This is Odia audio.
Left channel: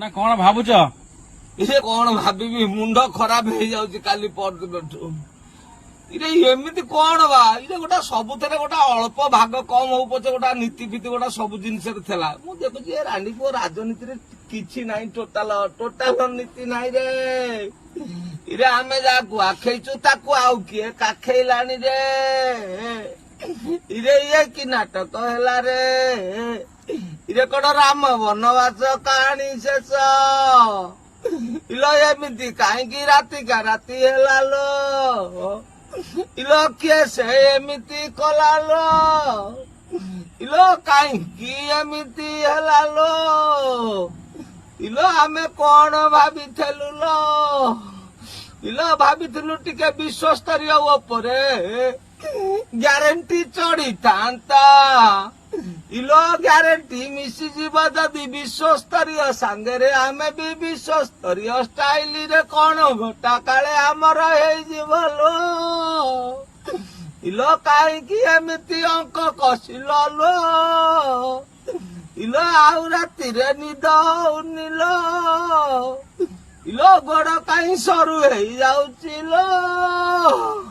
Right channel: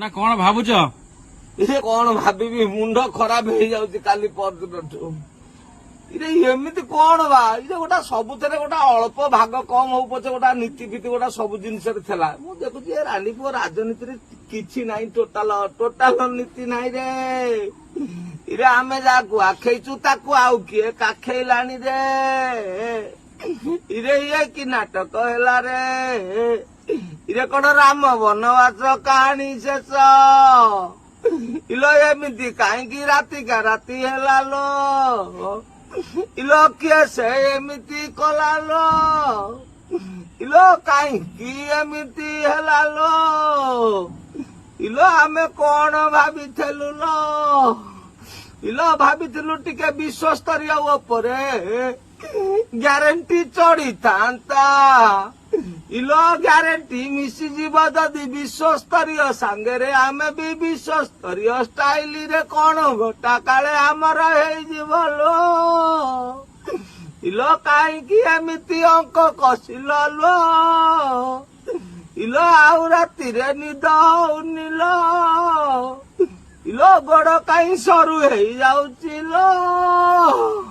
ନା କଣ ଭାବୁଛ? ଏ କଣ ଭାବିବି, ମୁଣ୍ଡ ଖରାପ ହେଇଯାଉଛି କାଲି ପରଦିନଠୁ। ଇରେ ଏମିତି କଣ ବା, ଇରେ ଗୋଟା ସବୁଥିରେ ଗୋଟା ଅଳ୍ପ ଭାଗ କମ ହଉ ପଛେ ଗୋଟା ନୀତି ଫୀତି ଗୋଟା ସବୁ ଜିନିଷରେ ଥିଲା। ମୁଁ ଦେଖୁଛି ଏ ରାଣ୍ଡି ପୁଅ ରାଜନୀତିରେ କିଛି ନାହିଁ, ଟୋଟାଲ ନୀତି ନାହିଁ ରେ। ଇରେ ଆମେ ଯାହାକୁ ଆଖେଇଛୁ ତାକୁ ଆଉ କିଏ କାଖେଇଲାଣି ରେ। ଇରେ ଇଏ କି ନାଟକ ହେଲା ରେ। ଇରେ କଣ ରାମ ବନବାସ କାହାଣୀ ଶେଷ? ଇଲୋ ଏମିତି କାହିଁକି ରାତିକା ରାତି ହେଲା ଲୋ? ଇଲୋ କିଏ ସେ ଏମିତି କଲା ଲୋ? ଇଲୋ କାହିଁକି ଏମିତି ହେଲା ଲୋ? ଇଲୋ ଆମେ କଣ ଭାବିଥିଲୁ ଲୋ? ଇଲୋ ଭାବିଥିଲୁ ଟିକେ ବିଶ୍ୱସ୍ତରୀୟ ଉପରେ ଗ୍ୟାରେଣ୍ଟି ଚଢିଥାନ୍ତା। ଇଲୋ ଗ୍ୟାରେଣ୍ଟି ମିଶିଯିବ ଯଦି ବିଶ୍ୱସ୍ତରୀୟ ସାଙ୍ଗରେ ଆମେ ବି ବିଶ୍ୱସ୍ତରୀୟ ଷ୍ଟାଇଲରେ କଣ ଘଟା କାଳେ ଆମର ହେଇଯିବ ଲୋ। ଇଲୋ କାହିଁକି ଏମିତି ଅଙ୍କ କଷିଲ ଲୋ? ଇଲୋ ଆଉ ରାତିରେ ନିଦ ହଉନି ଲୋ। ଇଲୋ ଗୋଡ କାହିଁ ସରୁ ହେଇଯାଉଛି ଲୋ?